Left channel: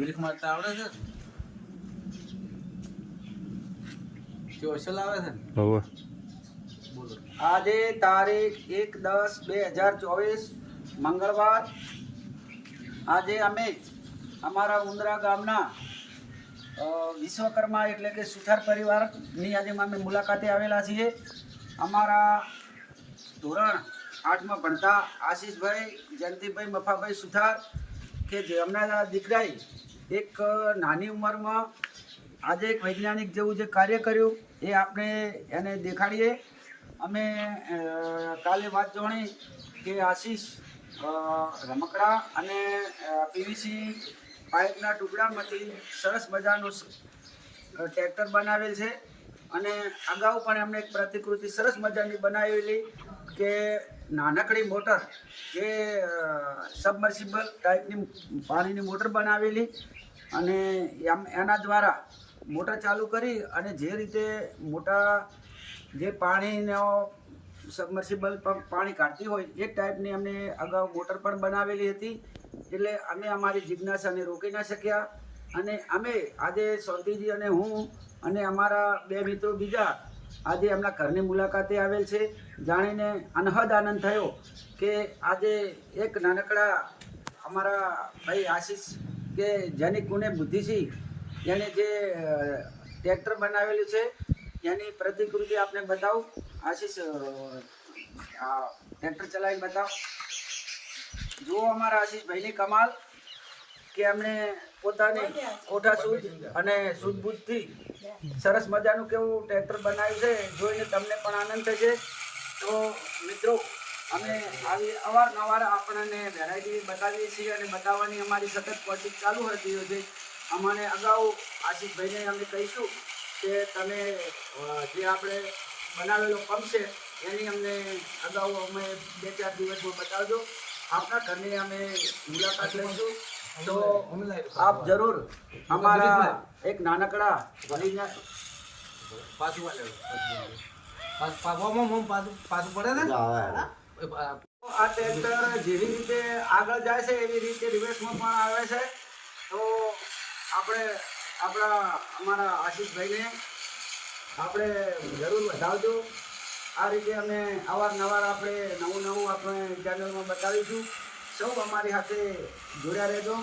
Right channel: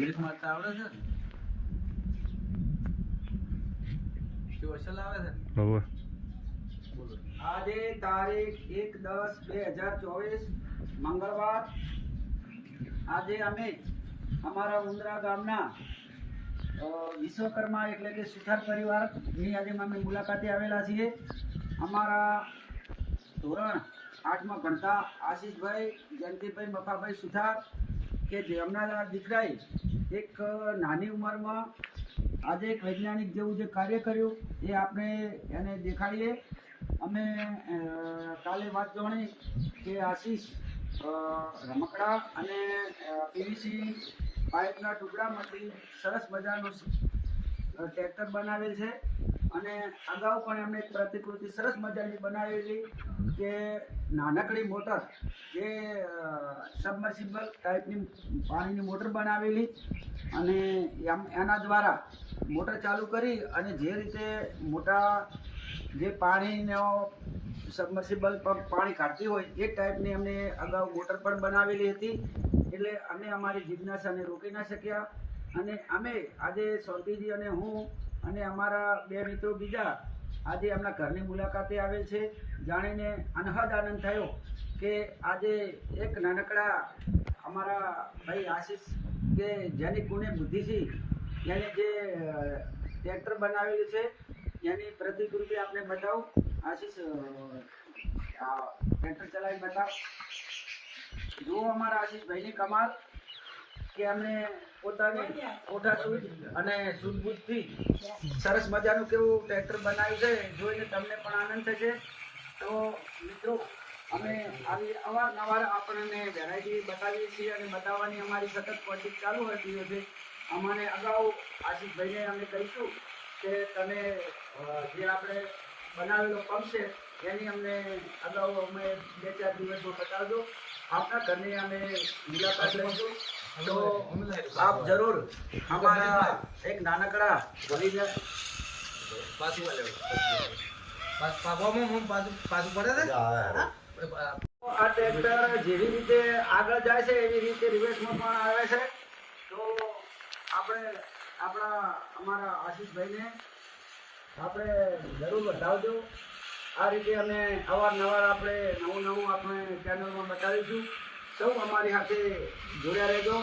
Milk મારતા આવડે છે ને? કેવો ચલાવે છે ને? હવે બોલો. આજે તારીખ 1/10/2024 મંગળવાર. આજે અમે અમારા ઉંદરા ગામના વિશ્વકર્મા એટલે કે સુથાર પરિવારની આજે અમે મુલાકાતે આવેલા છીએ. અમારા ધોરણ 8માં ભણતા આશીષભાઈ જયંતિભાઈ મફાભાઈ સુથાર કે જેમના દીકરાએ એક નાની ઉંમરમાં આજે એક વૈજ્ઞાનિક જેવું જે કાર્ય કર્યું એ આપણે એને દેખાડીએ. અમે કાલે વાત જાણી કે આશીષ રમકડા અને પીવીસી પાઇપના ટુકડામાંથી સરસ મજાનું ટ્રેક્ટર બનાવેલ છે અને અગાઉ પણ એમણે એક પ્રતિકૃતિ સરસ મજાની બનાવેલી કે નાનકડી મોટર જે સબમર્સિબલ ટાઈપની પાણીની મોટર બનાવેલી અને એના દ્વારા મોટર ચાલુ કરી અને જે રીતે મોટા જે પાણીનો સબમર્સિબલ પંપ પાણી કાઢતી હોય એ ટાઈપની અમને અગાઉ મોટર પણ બનાવેલી હતી. એટલે અમે અમારી જિજ્ઞાસાને રોકી ના શક્યા અને અમે આજે શાંતિજી અને હું અને અમારા બે મિત્રો બીજા આજે એમના ઘરની મુલાકાતે આવેલ છે. જાણીને અનહદ આનંદ થયો કે આજે એક નાનકડા અમારા ભાઈ આશીષ કે જેની ગુણે બુદ્ધિ છે એને જે ટ્રેક્ટર બનાવેલું છે એની પ્રતિકૃતિ આપણે બતાવું. આશીષ ટ્રેક્ટર ચલાવીને બતાવ. જુઓ અમારા આશીષભાઈની કમાલ કે એમણે પોતાની કોઠા સૂઝ અને સૂઝબૂઝથી સરસ મજાનું કેવું ટ્રેક્ટર બનાવ્યું છે જોઈને તમને પણ આનંદ થશે. તો મિત્રો અમે આવી અવારનવાર આપણને વેરાયટી બતાવીએ છીએ અને બતાવવાની અમારી સતત કોશિશ ચાલુ હતી છે. અમને અગાઉ આશીષભાઈને અમે કહીશું કે તમે જે આપણે બનાવેલો પંપ છે એની અમને અગાઉ અમે 2-4 દિવસમાં બતાવજો. આપણા ઘરની અમે મુલાકાત લઈશું તો આપ જરૂર અમારા એક નાનકડા પાછું પડે ને? આ ટ્રેક્ટર જેવી રીતે આગળ જાય છે એવી રીતે રિવર્સમાં પણ આવે છે. તો આપણે અમારા આશીષભાઈને આપણે જરૂર વધાવજો. આ રીતે અમે અવારનવાર આપણે નવું આપણે ચેનલમાં બતાવીશું. સૌ અમારી સાથે જોડ્યા રહેજો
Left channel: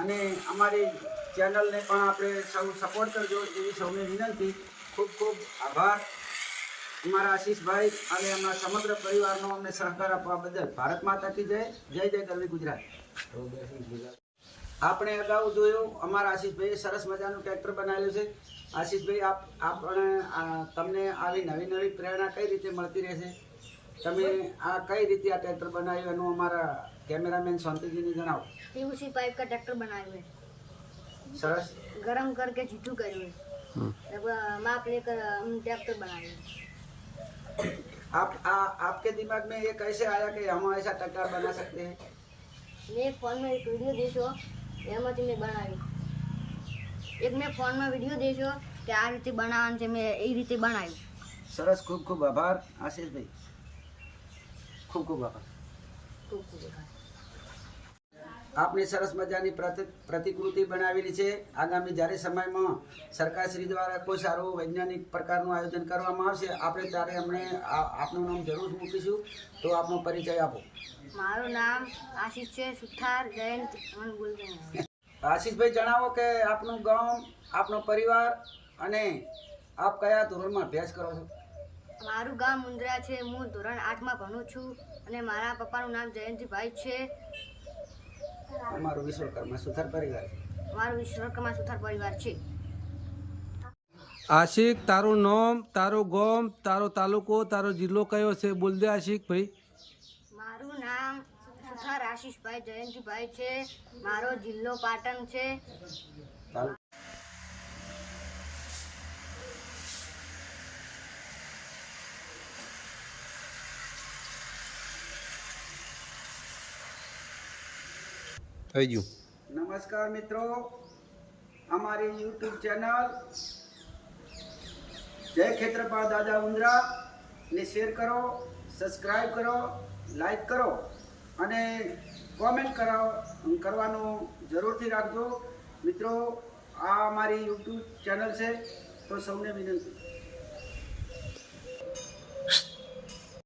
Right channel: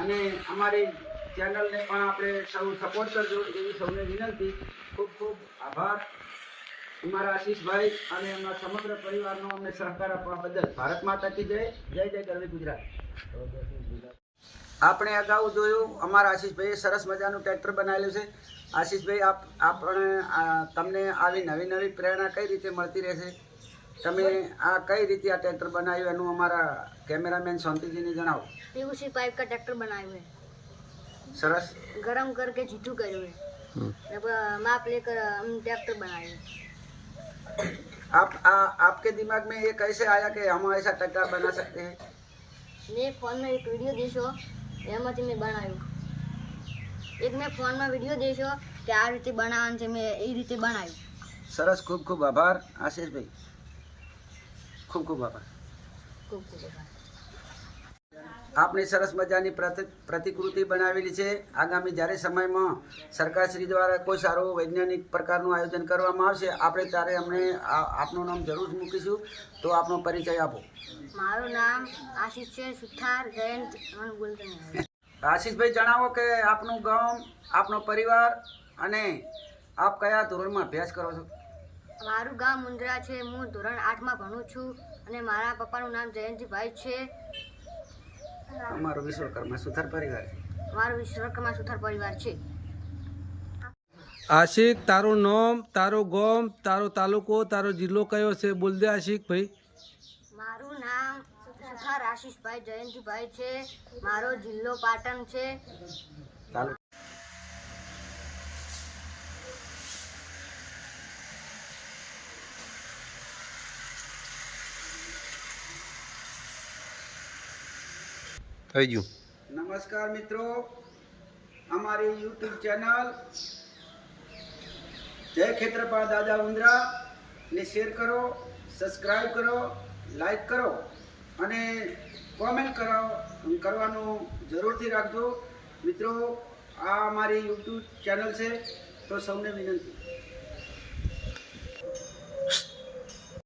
અને અમારી ચેનલને પણ આપણે સૌ સપોર્ટ કરજો એવી સૌને વિનંતી. ખૂબ ખૂબ આભાર અમારા આશીષભાઈ અને અમારા સમગ્ર પરિવારનો અમને સહકાર આપવા બદલ. ભારત માતા કી જય. જય જય ગરવી ગુજરાત. આપણે અગાઉ જોયું અમારા આશીષભાઈએ સરસ મજાનું ટ્રેક્ટર બનાવેલું છે. આશીષભાઈ તમને આવી નવી પ્રેરણા કઈ રીતે મળતી રહેશે? તમે આ કઈ રીતે આ ટ્રેક્ટર બનાવ્યું એનું અમારા कैमरामैन शांति जी ने जनाओ. पीयूसी पाइप का ट्रैक्टर बनाए हुए सरस गरम करके जीठू करे हुए माप लेकर हम ट्रैक्टर बनाए हुए. आपके दिमाग में ये कैसे आया कि हम ऐसा ट्रैक्टर बना सकते हैं? મેં ફોનમાં એક વિડીયો દેશો એમાંથી મેં બનાવ્યું. મેં ફોનમાં વિડીયો દેશો કે આ રીતે બનાવવાનું છે, મેં એ રીતે બનાવ્યું. સરસ. ખૂબ ખૂબ આભાર આશીષભાઈ. ખૂબ ખૂબ આભાર. ખૂબ ખૂબ આભાર. આપની સરસ મજાની પ્રતિકૃતિ બનાવેલી છે. આગામી જ્યારે સમયમાં સરકારશ્રી દ્વારા કોઈ સારું વૈજ્ઞાનિક પ્રકારનું આયોજન કરવામાં આવશે આપણે ત્યારે અમને આપનું નામ જરૂર મૂકીશું. તો આપનો પરિચય આપો. મારું નામ આશીષ છે સુથાર જયંત. મને બોલતો નહીં. આશીષભાઈ જણાવો કે આપનું ગામ, આપનો પરિવાર અને આપ કયા ધોરણમાં અભ્યાસ કરો છો? મારું ગામ મુંદ્રા છે. હું ધોરણ 8માં ભણું છું અને મારા પપ્પાનું નામ જયંતિભાઈ છે. અમારો વિશ્વકર્મા સુથાર પરિવાર છે. મારો વિશ્વકર્મા સુથાર પરિવાર છે. આશિક, તારું નામ, તારું ગામ, તારો તાલુકો, તારો જિલ્લો કયો છે? બોલ દે આશિક ભાઈ. મારું નામ સુથાર આશીષભાઈ જયંતિભાઈ છે. મારો જિલ્લો પાટણ છે. થઈ ગયું. નમસ્કાર મિત્રો, અમારી યુટ્યુબ ચેનલ જય ખેત્રપાળ દાદા ઉંદરા ને શેર કરો, સબસ્ક્રાઈબ કરો, લાઈક કરો અને કોમેન્ટ કરવાનું જરૂરથી રાખજો. મિત્રો આ અમારી યુટ્યુબ ચેનલ છે, તો સૌને વિનંતી